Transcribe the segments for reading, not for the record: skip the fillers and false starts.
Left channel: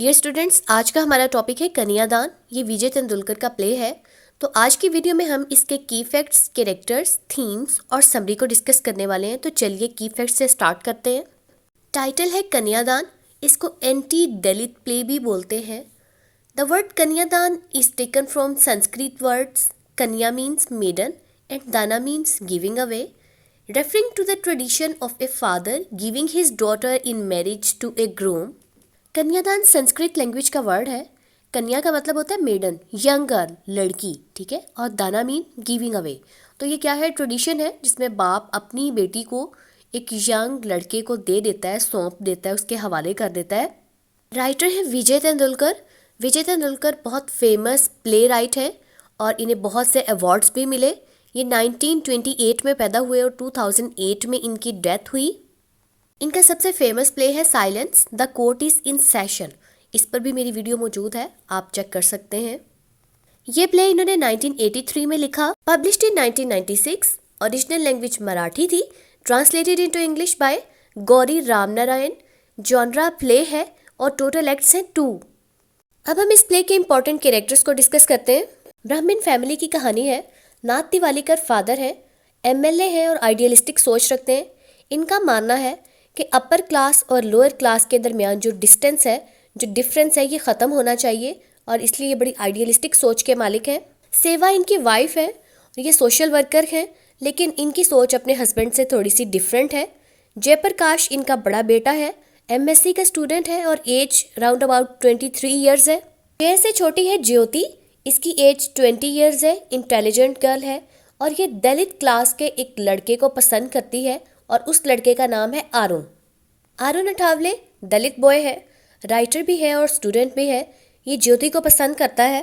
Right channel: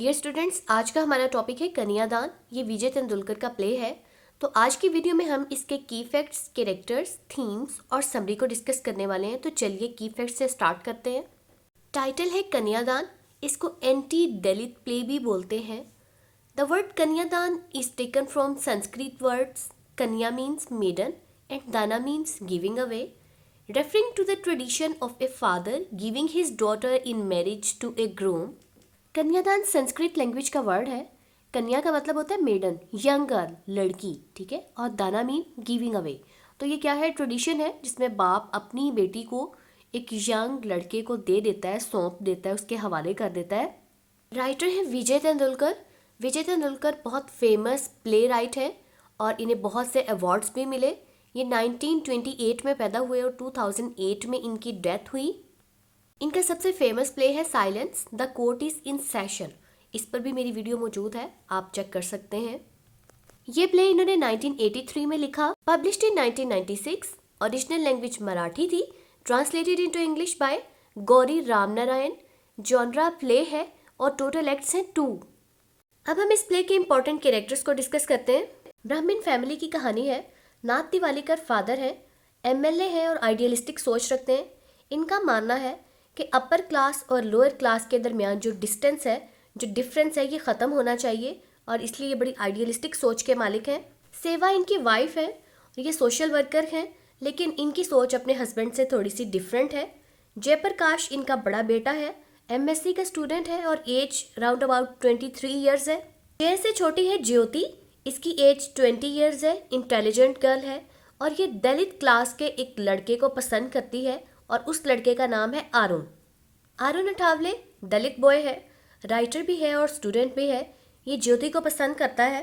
Dear students, आज का हमारा टॉपिक है कन्यादान। ये विजय तेंदुलकर का प्ले है। तो आज की वीडियो में हम इसके की फैक्ट्स, कैरेक्टर्स, थीम्स और समरी को डिस्कस करने वाले हैं। तो चलिए की फैक्ट्स से स्टार्ट करते हैं। टाइटल है कन्यादान। इसको एंटी दलित प्ले भी बोलते हैं। द वर्ड कन्यादान is taken from Sanskrit words कन्या मीन्स मेडन एंड दाना means giving away, referring to the tradition of a father giving his daughter in marriage to a groom। कन्यादान संस्कृत लैंग्वेज का वर्ड है। कन्या का मतलब होता है मेडन, यंग गर्ल, लड़की, ठीक है। और दाना मीन गिविंग अवे। तो ये क्या है? ट्रेडिशन है जिसमें बाप अपनी बेटी को एक यंग लड़के को दे देता है, सौंप देता है, उसके हवाले कर देता है। राइटर है विजय तेंदुलकर। विजय तेंदुलकर बहुत फेमस प्ले राइट है और इन्हें बहुत से अवार्ड्स भी मिले। ये 1928 में पैदा हुए और 2008 में इनकी डेथ हुई। इनका सबसे फेमस प्ले है silence the court is in session. इस पर भी मेरी वीडियो मौजूद है, आप चेक कर सकते हैं। ये प्ले इन्होंने 1983 में लिखा, published in 1996। Original language Marathi थी, translated into English by Gauri Ramnarayan. Genre play है और टोटल एक्ट्स हैं 2। अब हम इस प्ले के इंपॉर्टेंट कैरेक्टर्स को डिस्कस करते हैं। ब्राह्मण फैमिली की कहानी है। नाथ तिवालीकर फादर है, एमएलए है और आइडियलिस्टिक सोच रखते हैं। इनका मानना है कि अपर क्लास और लोअर क्लास के दरमियान जो डिस्टेंस है, जो डिफरेंस है, ये ख़त्म होना चाहिए और इसलिए ये बड़ी आइडियलिस्टिक सोच के मालिक हैं। सेवा इनकी वाइफ है और ये सोशल वर्कर हैं, लेकिन इनकी सोच अपने हस्बैंड से थोड़ी सी डिफरेंट है। जयप्रकाश इनका बड़ा बेटा है, एमएससी का स्टूडेंट है और एज राउंड अबाउट 23 ईयर्स है। जय से छोटी है ज्योति, इसकी एज 20 ईयर्स है, इंटेलिजेंट गर्ल है और ये दलित क्लास के एक लड़के को पसंद करती है और उस लड़के का नाम है आरुण। आरुण अठावले दलित बॉय है, राइटर भी है और स्टूडेंट भी है। ये ज्योति को पसंद करता है।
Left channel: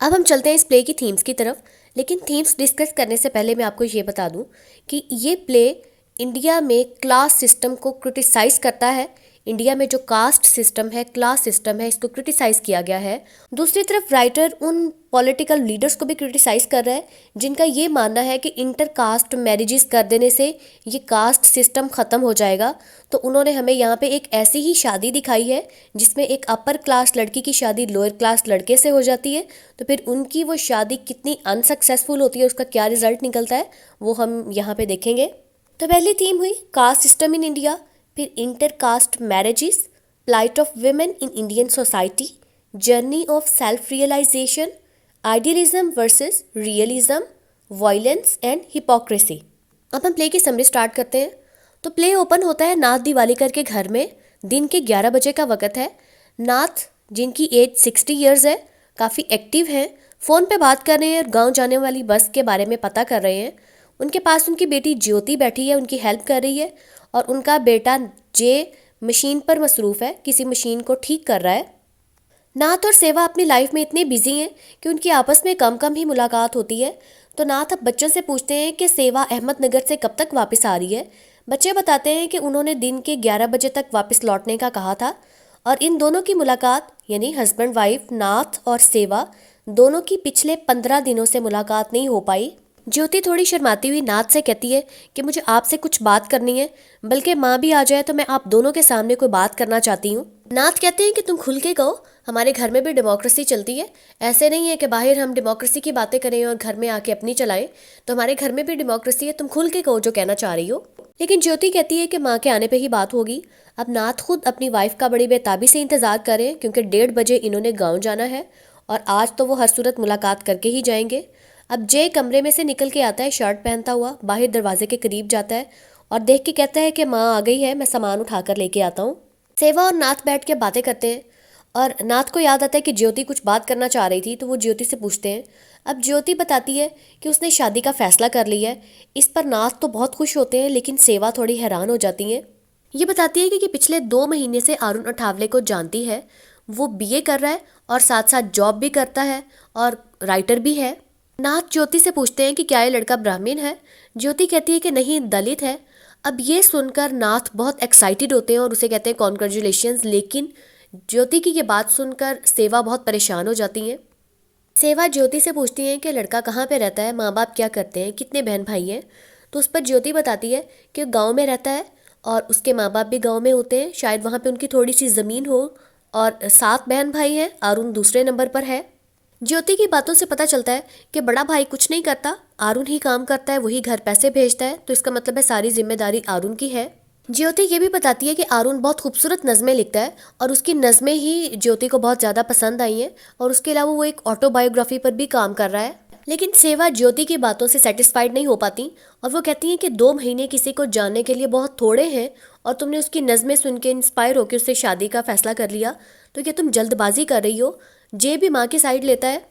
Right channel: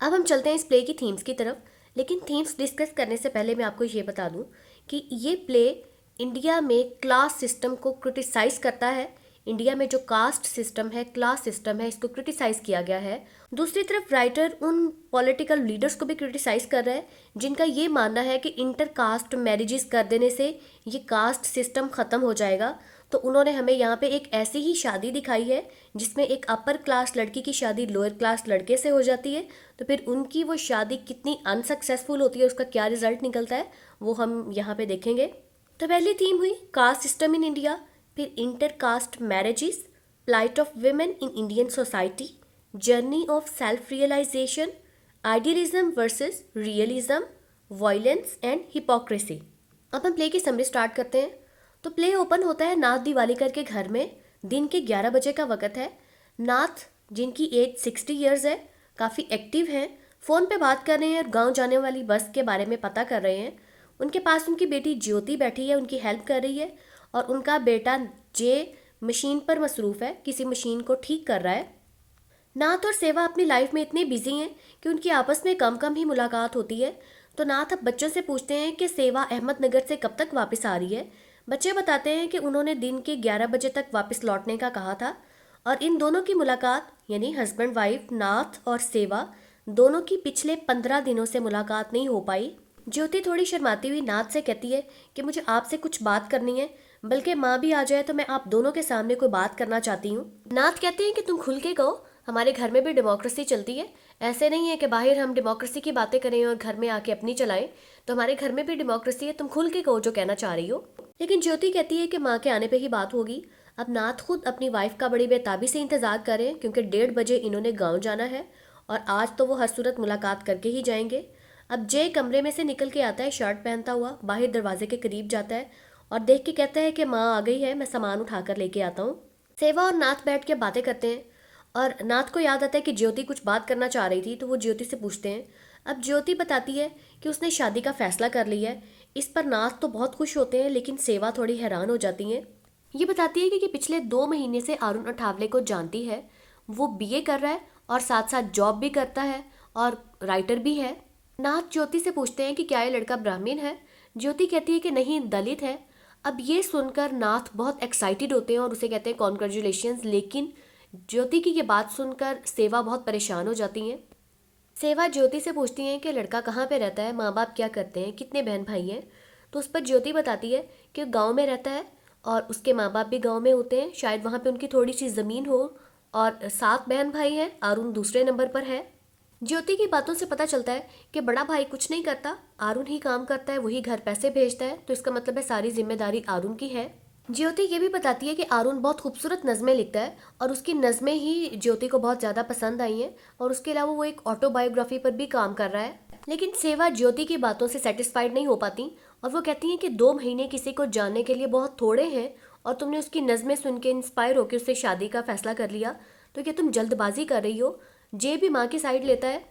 अब हम चलते हैं इस प्ले की थीम्स की तरफ, लेकिन थीम्स डिस्कस करने से पहले मैं आपको ये बता दूं कि ये प्ले इंडिया में क्लास सिस्टम को क्रिटिसाइज़ करता है। इंडिया में जो कास्ट सिस्टम है, क्लास सिस्टम है, इसको क्रिटिसाइज़ किया गया है। दूसरी तरफ राइटर उन पॉलिटिकल लीडर्स को भी क्रिटिसाइज़ कर रहा है जिनका ये मानना है कि इंटर कास्ट मैरिजेस कर देने से ये कास्ट सिस्टम ख़त्म हो जाएगा। तो उन्होंने हमें यहाँ पे एक ऐसी ही शादी दिखाई है जिसमें एक अपर क्लास लड़की की शादी लोअर क्लास लड़के से हो जाती है। तो फिर उनकी वो शादी कितनी अनसक्सेसफुल होती है, उसका क्या रिजल्ट निकलता है, वो हम यहाँ पे देखेंगे। तो पहली थीम हुई कास्ट सिस्टम इन इंडिया, फिर inter caste marriages, plight of women in Indian society, journey of self realisation, idealism versus realism, violence and hypocrisy. अब हम प्ले की समरी स्टार्ट करते हैं। तो प्ले ओपन होता है नाथ दिवालीकर के घर में। दिन के 11 बजे का वक्त है। नाथ जिनकी एज 60 ईयर्स है, काफ़ी एक्टिव हैं, फ़ोन पे बात कर रहे हैं और गांव जाने वाली बस के बारे में पता कर रहे हैं। उनके पास उनकी बेटी ज्योति बैठी है, उनकी हेल्प कर रही है और उनका बेटा जे मशीन पर मसरूफ़ है, किसी मशीन को ठीक कर रहा है। नाथ और सेवा अपनी लाइफ में इतने बिजी हैं कि उनकी आपस में कम कम ही मुलाकात होती है। तो नाथ अब बच्चों से पूछते हैं कि सेवा अहमदनगर से कब तक वापस आ रही है। बच्चे बताते हैं कि उन्होंने दिन के 11 बजे तक वापस लौटने का कहा था और इन दोनों की मुलाकात, यानी हस्बैंड वाइफ नाथ और सेवा, दोनों की पिछले 15 दिनों से मुलाकात नहीं हो पाई। ज्योति थोड़ी शर्माती हुई नाथ से कहती है कि मुझे आपसे कुछ बात करनी है, बल्कि माँ भी आ जाए तो मैं आप दोनों के सामने कोई बात करना चाहती हूँ। नाथ कहते हैं कि तुम खुल के कहो, हमारे घर में भी डेमोक्रेसी चलती है। ऐसे नहीं है कि बाहर हम डेमोक्रेसी की बातें करें और घर में आके अपनी चलाएं। तो हमारे घर में भी डेमोक्रेसी है, तुम खुल के कहो जो कहना चाह रही हो। लेकिन ज्योति कहती है कि माँ के आने पे ही बात होगी। अब नाथ खुद अपनी वाइफ का बड़ी बेताबी से इंतज़ार कर रहे हैं क्योंकि 1:30 बजे इन्होंने गाँव जाना है और आज तो वो हर सूरत मुलाकात करके ही जाएंगे। अब जय कमरे में से निकल के आता है शर्ट पहनता हुआ, बाहर दरवाजे के करीब जाता है और देख के कहता है कि माँ आ गई है, मैं सामान उठा कर लेके आता हूँ। सेवा और नाथ बैठ के बातें करते हैं और नाथ को याद आता है कि ज्योति कुछ बात करना चाह रही थी, तो वो ज्योति से पूछते हैं। अब ज्योति बताती है कि उसने शादी का फैसला कर लिया है। इस पर नाथ तो बहुत खुश होते हैं, लेकिन सेवा थोड़ी हैरान हो जाती हैं। ये बताती है कि पिछले 2 महीने से आरुण अठावले को जानती है। वो बीए कर रहा है और साथ साथ जॉब भी करता है और राइटर भी है। नाथ ज्योति से पूछते हैं कि क्या ये लड़का ब्राह्मण है। ज्योति कहती है कि नहीं, दलित है। अब ये सुनकर नाथ बहुत एक्साइटेड होते हैं और उसे कहते हैं कॉन्ग्रेचुलेशंस। लेकिन ज्योति की ये बात सुनकर सेवा बहुत परेशान हो जाती हैं। सेवा ज्योति से पूछती हैं कि लड़का कहाँ पे रहता है, माँ बाप क्या करते हैं, कितने बहन भाई हैं। तो उस पर ज्योति बताती है कि गाँव में रहता है और उसके माँ बाप भी गाँव में होते हैं, शायद वहाँ पे उनकी थोड़ी सी ज़मीन हो और 7 बहन भाई हैं, अरुण दूसरे नंबर पर है। ज्योति की बातों से पता चलता है कि बड़ा भाई कुछ नहीं करता, अरुण ही काम करता है, वही घर पैसे भेजता है, तो इसका मतलब है सारी जिम्मेदारी अरुण की है। ज्योति ये भी बताती है कि अरुण बहुत खूबसूरत नज़में लिखता है और उसकी नज़में ही ज्योति को बहुत ज़्यादा पसंद आई हैं, और उसके अलावा वो एक ऑटोबायोग्राफी पर भी काम कर रहा है। लेकिन सेवा ज्योति की बातों से सेटिस्फाइड नहीं हो पाती और वो कहती हैं कि 2 महीने किसी को जानने के लिए बहुत थोड़े हैं, और तुमने उसकी नज़में सुन के इंस्पायर होकर उससे शादी का फैसला कर लिया, तो क्या तुम जल्दबाजी कर रही हो। जे भी माँ की साइड लेता है।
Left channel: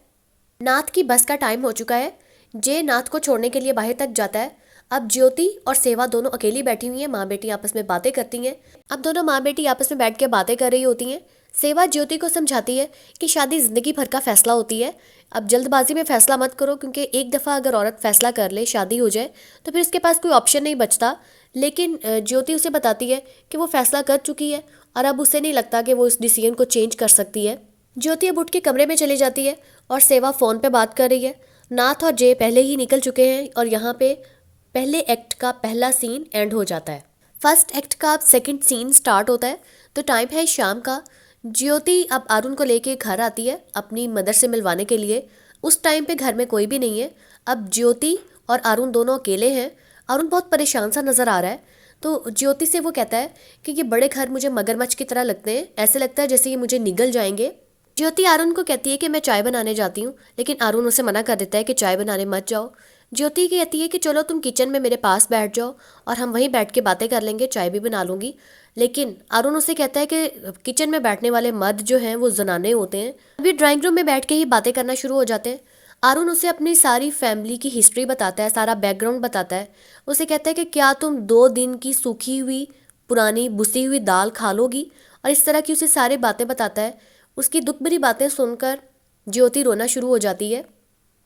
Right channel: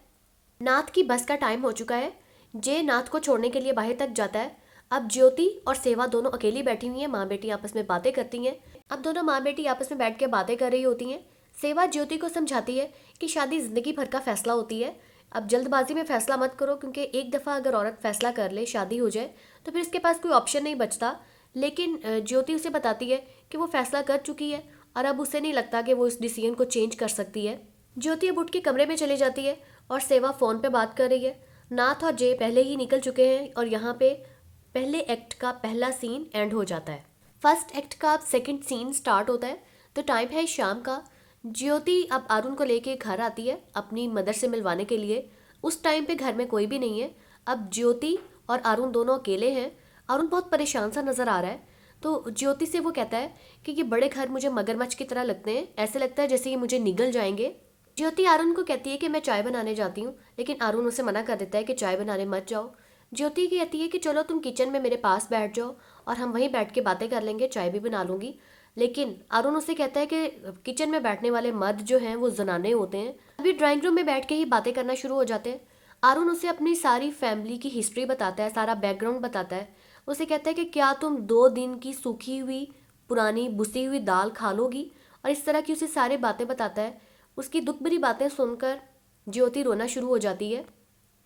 नाथ की बस का टाइम हो चुका है। जे नाथ को छोड़ने के लिए बाहर तक जाता है। अब ज्योति और सेवा दोनों अकेली बैठी हुई हैं, माँ बेटी आपस में बातें करती हैं। अब दोनों माँ बेटी आपस में बैठ के बातें कर रही होती हैं। सेवा ज्योति को समझाती है कि शादी जिंदगी भर का फैसला होती है, अब जल्दबाजी में फैसला मत करो, क्योंकि एक दफ़ा अगर औरत फैसला कर ले, शादी हो जाए, तो फिर उसके पास कोई ऑप्शन नहीं बचता। लेकिन ज्योति उसे बताती है कि वो फैसला कर चुकी है और अब उसे नहीं लगता कि वो इस डिसीजन को चेंज कर सकती है। ज्योति अब उठ के कमरे में चली जाती है और सेवा फ़ोन पे बात कर रही है। नाथ और जय पहले ही निकल चुके हैं और यहाँ पे पहले एक्ट का पहला सीन एंड हो जाता है। फर्स्ट एक्ट का अब सेकंड सीन स्टार्ट होता है। तो टाइम है शाम का। ज्योति अब अरुण को लेके घर आती है अपनी मदर से मिलवाने के लिए। उस टाइम पे घर में कोई भी नहीं है। अब ज्योति और अरुण दोनों अकेले हैं। अरुण बहुत परेशान सा नज़र आ रहा है। तो ज्योति से वो कहता है कि ये बड़े घर मुझे मगरमच्छ की तरह लगते हैं, ऐसे लगता है जैसे ये मुझे निगल जाएंगे। ज्योति अरुण को कहती है कि मैं चाय बनाने जाती हूँ, लेकिन अरुण उसे मना कर देता है कि चाय बनाने मत जाओ। ज्योति कहती है कि चलो तुम किचन में मेरे पास बैठ जाओ और हम वहीं बैठ के बातें कर लेंगे, चाय भी बना लूँगी। लेकिन अरुण उसे कहता है कि किचन में बैठने वाले मर्द जो हैं वो जनाने होते हैं। अभी ड्राइंग रूम में बैठ के ही बातें करना शुरू हो जाते हैं। अरुण उसे अपनी सारी फैमिली की हिस्ट्री बताता है, सारा बैकग्राउंड बताता है। उसे कहता है कि क्या तुम 2 दिन की सूखी हुई पुरानी बुसी हुई दाल खा लोगी, और इस तरह की उसे सारी बातें बताता है। उसकी दुख भरी बातें सुनकर ज्योति रोना शुरू हो जाती है।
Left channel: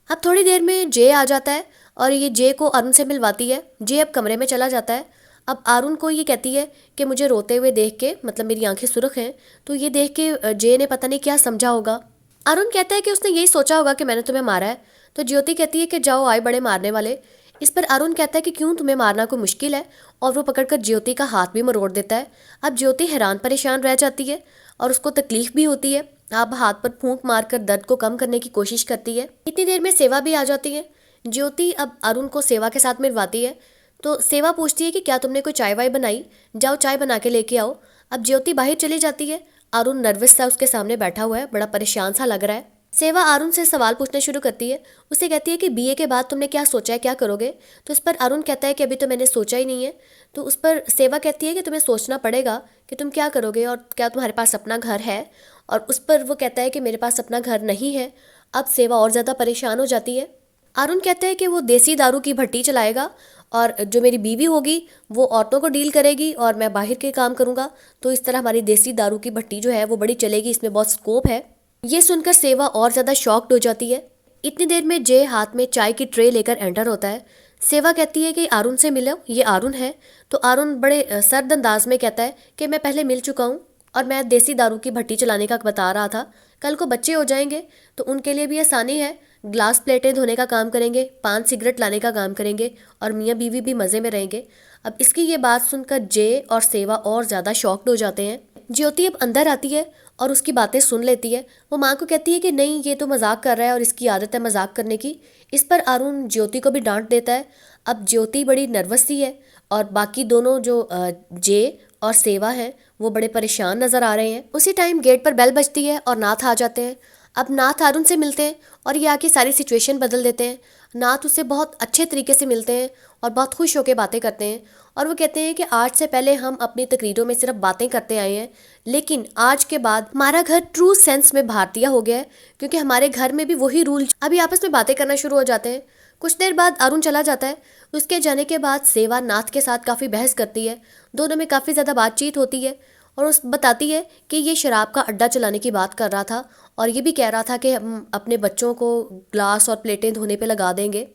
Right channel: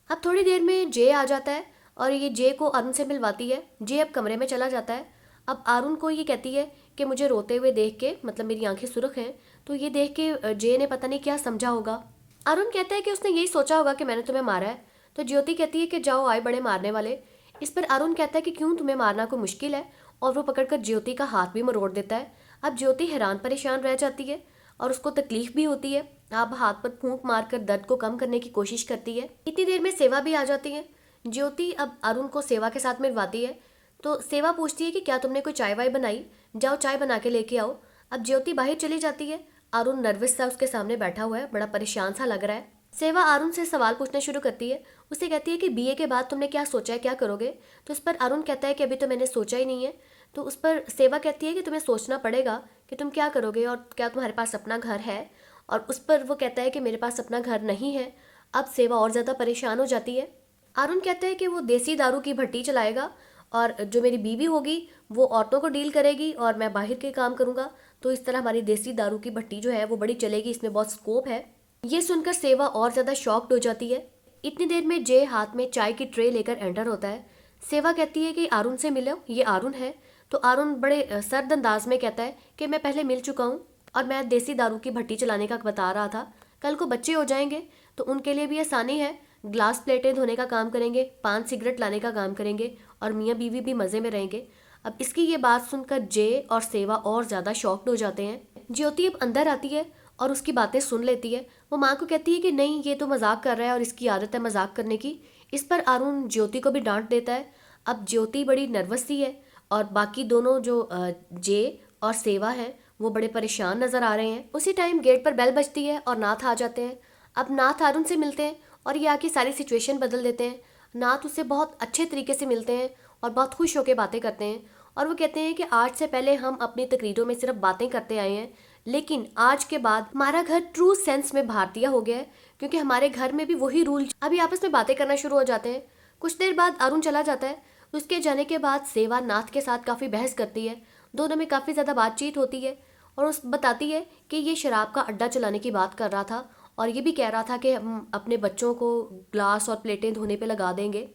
अब थोड़ी देर में जे आ जाता है और ये जे को अरुण से मिलवाती है। जे अब कमरे में चला जाता है। अब अरुण को ये कहती है कि मुझे रोते हुए देख के, मतलब मेरी आंखें सुर्ख हैं, तो ये देख के जे ने पता नहीं क्या समझा होगा। अरुण कहता है कि उसने यही सोचा होगा कि मैंने तुम्हें मारा है। तो ज्योति कहती है कि जाओ आए बड़े मारने वाले। इस पर अरुण कहता है कि क्यों, तुम्हें मारना कोई मुश्किल है, और वो पकड़कर ज्योति का हाथ भी मरोड़ देता है। अब ज्योति हैरान परेशान रह जाती है और उसको तकलीफ भी होती है। अब हाथ पर फूंक मारकर दर्द को कम करने की कोशिश करती है। इतनी देर में सेवा भी आ जाती है। ज्योति अब अरुण को सेवा के साथ मिलवाती है। तो सेवा पूछती है कि क्या तुमने कोई चाय वाय बनाई, जाओ चाय बना के लेके आओ। अब ज्योति बाहर चली जाती है। अरुण नर्वस सा उसके सामने बैठा हुआ है, बड़ा परेशान सा लग रहा है। सेवा अरुण से सवाल पूछना शुरू करती है। उसे कहती है कि बीए के बाद तुमने क्या सोचा है, क्या करोगे। तो उस पर अरुण कहता है कि अभी तो मैंने सोचा ही नहीं है। तो उस पर सेवा कहती है कि तुम्हें सोचना पड़ेगा कि तुम क्या करोगे और क्या तुम्हारे पास अपना घर है। और उस पर वो कहता है कि मेरे पास अपना घर नहीं है। अब सेवा और ज़्यादा परेशान हो जाती है। अरुण कहते हैं कि वो देसी दारू की भट्टी चलाएगा और जो मेरी बीवी होगी वो औरतों को डील करेगी और मैं बाहर के काम करूँगा। तो इस तरह हमारी देसी दारू की भट्टी जो है वो बड़ी चलेगी, इसमें बहुत स्कोप है। ये सुनकर सेवा और ज़्यादा शॉक्ड हो जाती है। इतनी देर में जय हाथ में चाय की ट्रे लेकर एंटर होता है। सेवा कहती है कि अरुण से मिलो, ये अरुण है। तो अरुण बड़े सर्द अंदाज में कहता है कि मैं पहले मिल चुका हूँ और मैं देसी दारू की भट्टी चलाने का बता रहा था। कल को बच्चे हो जाएंगे तो उनके लिए भी आसानी है, ग्लास प्लेटें धोने का काम करेंगे, पान सिगरेट लाने का काम करेंगे और मियाँ बीवी भी मज़े में रहेंगे। अब इसकी ये बात सुनकर जय और सेवा और ज़्यादा शॉक्ड हो जाते हैं। ज्योति अब अंदर आती है और उसकी बातें सुन लेती है। वो माँ को कहती है कि नहीं, ये तो मजाक कर रहा है और इसकी आदत है मजाक करने की। इस पर अरुण ज्योति को भी डांट देता है। अब ज्योति बड़ी नर्वस सी है और बाकी दोनों जो जय और सेवा हैं वो बड़े परेशान नज़र आ रहे हैं। उसी टाइम गेट पर बेल बजती है और नाथ आ जाते हैं। अब नाथ अरुण से मिलते हैं और ये आके सारी सिचुएशन बदल देते हैं। नाथ उससे बहुत अच्छे तरीके से मिलते हैं और बहुत खुश होकर बातें करते हैं और वो कहते हैं कि आज से पहले हम अपनी तकरीरों में सिर्फ बातें करते आए हैं, लेकिन आज के बाद हमारा घर ट्रू सेंस में भारतीय हो गया है, क्योंकि हमारे घर में भी वही रूल। अभी आपस में बातें करना शुरू हो जाते हैं। कुछ देर बाद अरुण चला जाता है। उसके जाने के बाद सेवा नाथ के साथ काफ़ी बहस करती है। दोनों में काफ़ी ज़्यादा बातचीत होती है और उस बताती है कि ये शराब का अड्डा चलाने की बात कर रहा था और ये भी कह रहा था कि हम अपने बच्चों को ग्लास और प्लेटें धोने पे लगा देंगे।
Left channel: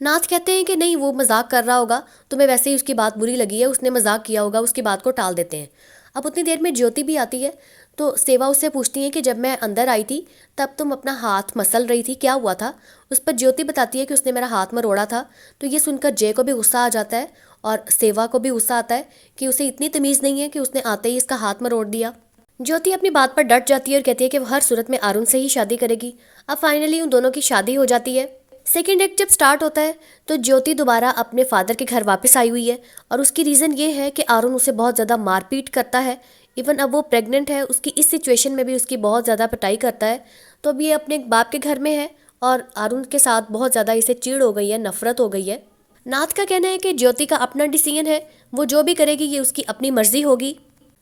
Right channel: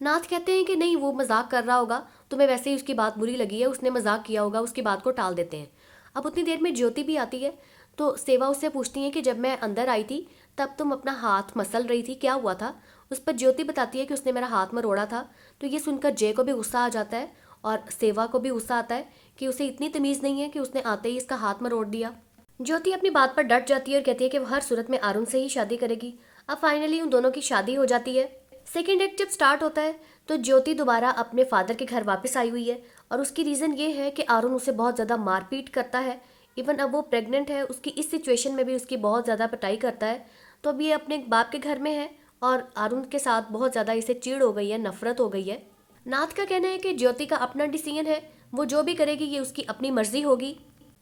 नाथ कहते हैं कि नहीं, वो मजाक कर रहा होगा, तुम्हें वैसे ही उसकी बात बुरी लगी है, उसने मजाक किया होगा, उसकी बात को टाल देते हैं। अब उतनी देर में ज्योति भी आती है। तो सेवा उससे पूछती है कि जब मैं अंदर आई थी तब तुम अपना हाथ मसल रही थी, क्या हुआ था। उस पर ज्योति बताती है कि उसने मेरा हाथ मरोड़ा था। तो ये सुनकर जय को भी गुस्सा आ जाता है और सेवा को भी गुस्सा आता है कि उसे इतनी तमीज़ नहीं है कि उसने आते ही इसका हाथ मरोड़ दिया। ज्योति अपनी बात पर डट जाती है और कहती है कि वो हर सूरत में अरुण से ही शादी करेगी। अब फाइनली उन दोनों की शादी हो जाती है। सेकेंड एक्ट जब स्टार्ट होता है तो ज्योति दोबारा अपने फादर के घर वापस आई हुई है और उसकी रीज़न ये है कि अरुण उसे बहुत ज़्यादा मारपीट करता है। इवन अब वो प्रेग्नेंट है, उसकी इस सिचुएशन में भी उसकी बहुत ज़्यादा पिटाई करता है। तो अब ये अपने बाप के घर में है और अरुण के साथ बहुत ज़्यादा इसे चिढ़ हो गई है, नफरत हो गई है। नाथ का कहना है कि ज्योति का अपना डिसीजन है, वो जो भी करेगी ये उसकी अपनी मर्जी होगी।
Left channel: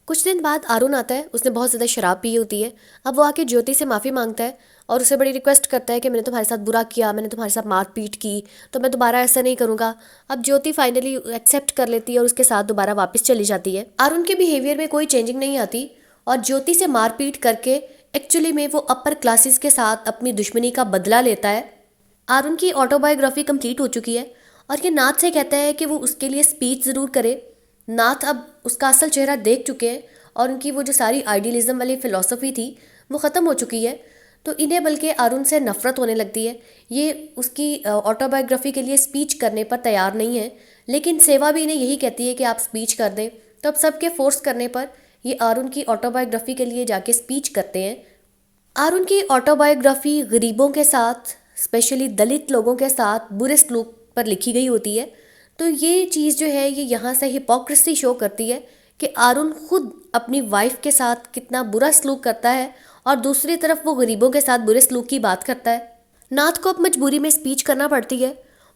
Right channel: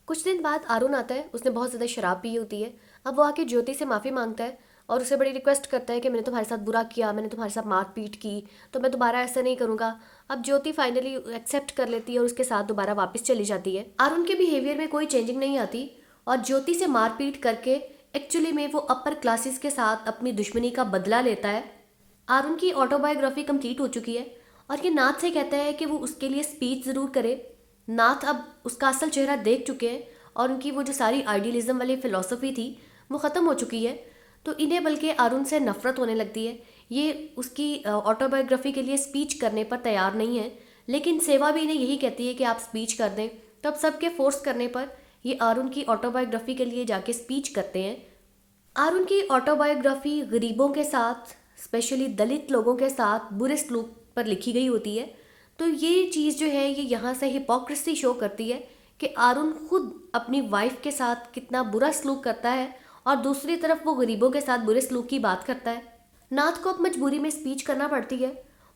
कुछ दिन बाद अरुण आता है, उसने बहुत ज़्यादा शराब पी होती है। अब वो आके ज्योति से माफ़ी मांगता है और उसे बड़ी रिक्वेस्ट करता है कि मैंने तुम्हारे साथ बुरा किया, मैंने तुम्हारे साथ मारपीट की, तो मैं दोबारा ऐसा नहीं करूँगा। अब ज्योति फाइनली एक्सेप्ट कर लेती है और उसके साथ दोबारा वापस चली जाती है। अरुण के बिहेवियर में कोई चेंजिंग नहीं आती और ज्योति से मारपीट करके एक्चुअली में वो अपर क्लासेस के साथ अपनी दुश्मनी का बदला लेता है। अरुण की ऑटोबायोग्राफी कंप्लीट हो चुकी है और ये नाथ से कहता है कि वो उसके लिए स्पीच ज़रूर करे। नाथ अब उसका असल चेहरा देख चुके हैं और उनकी वो जो सारी आइडियलिज्म वाली फ़िलॉसफी थी वो ख़त्म हो चुकी है। तो इन्हें बल्कि अरुण से नफ़रत होने लगती है। ये उसकी ऑटोबायोग्राफी के लिए स्पीच करने पर तैयार नहीं है, लेकिन सेवा भी इन्हें यही कहती है कि आप स्पीच कर दें। तो अब सबके फोर्स करने पर ये अरुण की ऑटोबायोग्राफी के लिए जाके स्पीच करते हैं। अरुण की ऑटोबायोग्राफी गरीबों के साथ, स्पेशली दलित लोगों के साथ बुरे सलूक पर लिखी गई होती है। तो ये चीज़ जो है ये यहाँ से हिपोक्रेसी शो करती है कि अरुण खुद अपनी वाइफ के साथ कितना बुरा सलूक करता है और दूसरी तरफ वो गरीबों के साथ बुरे सलूक की बात करता है। नाथ को अब मजबूरी में स्पीच करना पड़ती है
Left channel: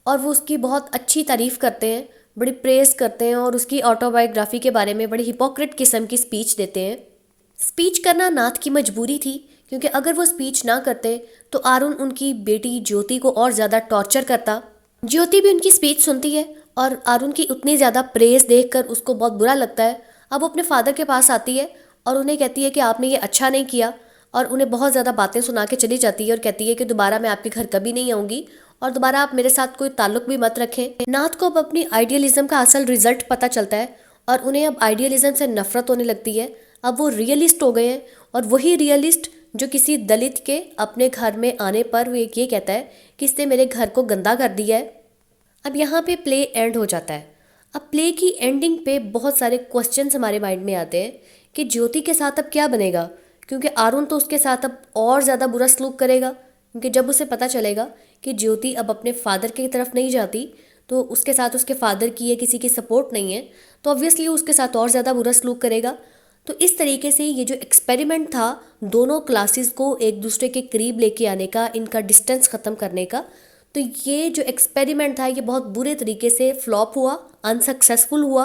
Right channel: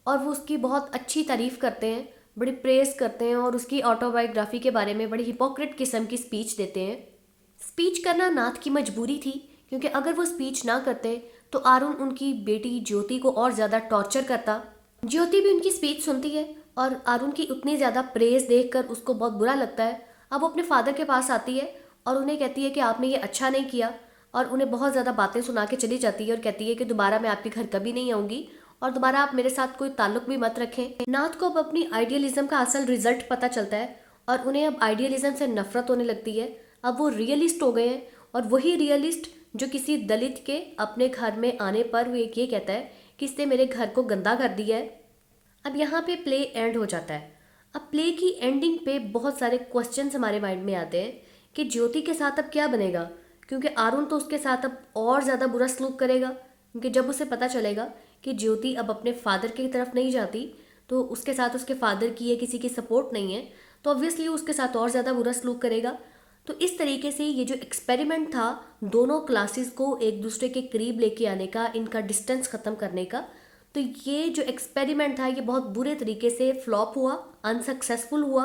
और वो उसकी बहुत अच्छी तारीफ़ करते हैं, बड़ी प्रेज़ करते हैं और उसकी ऑटोबायोग्राफी के बारे में बड़ी हिपोक्रेट किस्म की स्पीच देते हैं। स्पीच करना नाथ की मजबूरी थी क्योंकि अगर वो स्पीच ना करते तो अरुण उनकी बेटी ज्योति को और ज़्यादा टॉर्चर करता। ज्योति भी उनकी स्पीच सुनती है और अरुण की उतनी ज़्यादा प्रेज़ देखकर उसको बहुत बुरा लगता है। अब वो अपने फादर के पास आती है और उन्हें कहती है कि आपने ये अच्छा नहीं किया और उन्हें बहुत ज़्यादा बातें सुना के चली जाती है और कहती है कि दोबारा मैं आपके घर कभी नहीं आऊँगी और दोबारा आप मेरे साथ कोई ताल्लुक भी मत रखें। नाथ को अब अपनी आइडियलिज्म का असल रिजल्ट पता चलता है और उन्हें अब आइडियलिज्म से नफरत होने लगती है। अब वो रियलिस्ट हो गए हैं और वही रियलिस्ट जो किसी दलित के अपने घर में आने पर वो ये कहता है कि इसने मेरे घर को गंदा कर दिया है। अब यहाँ पे प्ले एंड हो जाता है। अब प्ले की एंडिंग पे बहुत सारे क्वेश्चंस हमारे माइंड में आते हैं कि ज्योति के साथ अब क्या बनेगा, क्योंकि अरुण तो उसके साथ अब और ज़्यादा बुरा सलूक करेगा। क्योंकि जब उसे पता चलेगा कि ज्योति अब अपने फादर की तरफ नहीं जाती, तो उसके साथ उसके फादर की या किसी की सपोर्ट नहीं है, तो ऑब्वियसली उसके साथ और ज़्यादा बुरा सलूक करेगा। तो इस तरीके से ये जो एक्सपेरिमेंट था दोनों क्लासेस को एक दूसरे के करीब लेके आने का, इनका डिस्टेंस ख़त्म करने का, तो ये जो एक्सपेरिमेंट था ये बहुत बुरे तरीके से फ्लॉप हुआ, अनसक्सेसफुल हुआ।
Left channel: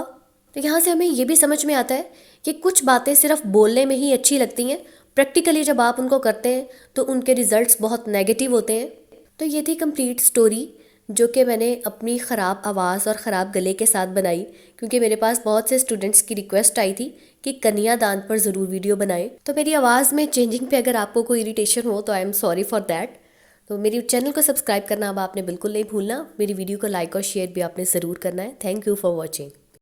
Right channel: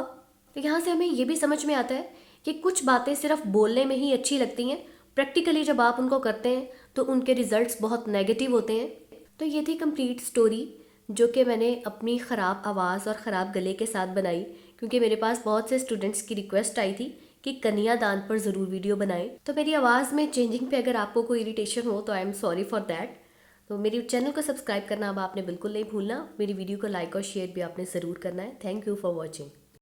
तो यहाँ से हमें ये भी समझ में आता है कि कुछ बातें सिर्फ बोलने में ही अच्छी लगती हैं, प्रैक्टिकली जब आप उनको करते हैं तो उनके रिजल्ट्स बहुत नेगेटिव होते हैं। तो ये थी कंप्लीट स्टोरी जो कि मैंने अपनी ख़राब आवाज़ और ख़राब गले के साथ बनाई, क्योंकि मेरे पास बहुत से स्टूडेंट्स की रिक्वेस्ट आई थी कि कन्यादान पर ज़रूर वीडियो बनाएं। तो मेरी आवाज़ में चेंजिंग पे अगर आपको कोई इरिटेशन हो तो I am sorry for that. तो मेरी चैनल को सब्सक्राइब करना अब आपने बिल्कुल नहीं भूलना। मेरी वीडियो को लाइक और शेयर भी आपने ज़रूर करना है। Thank you for watching.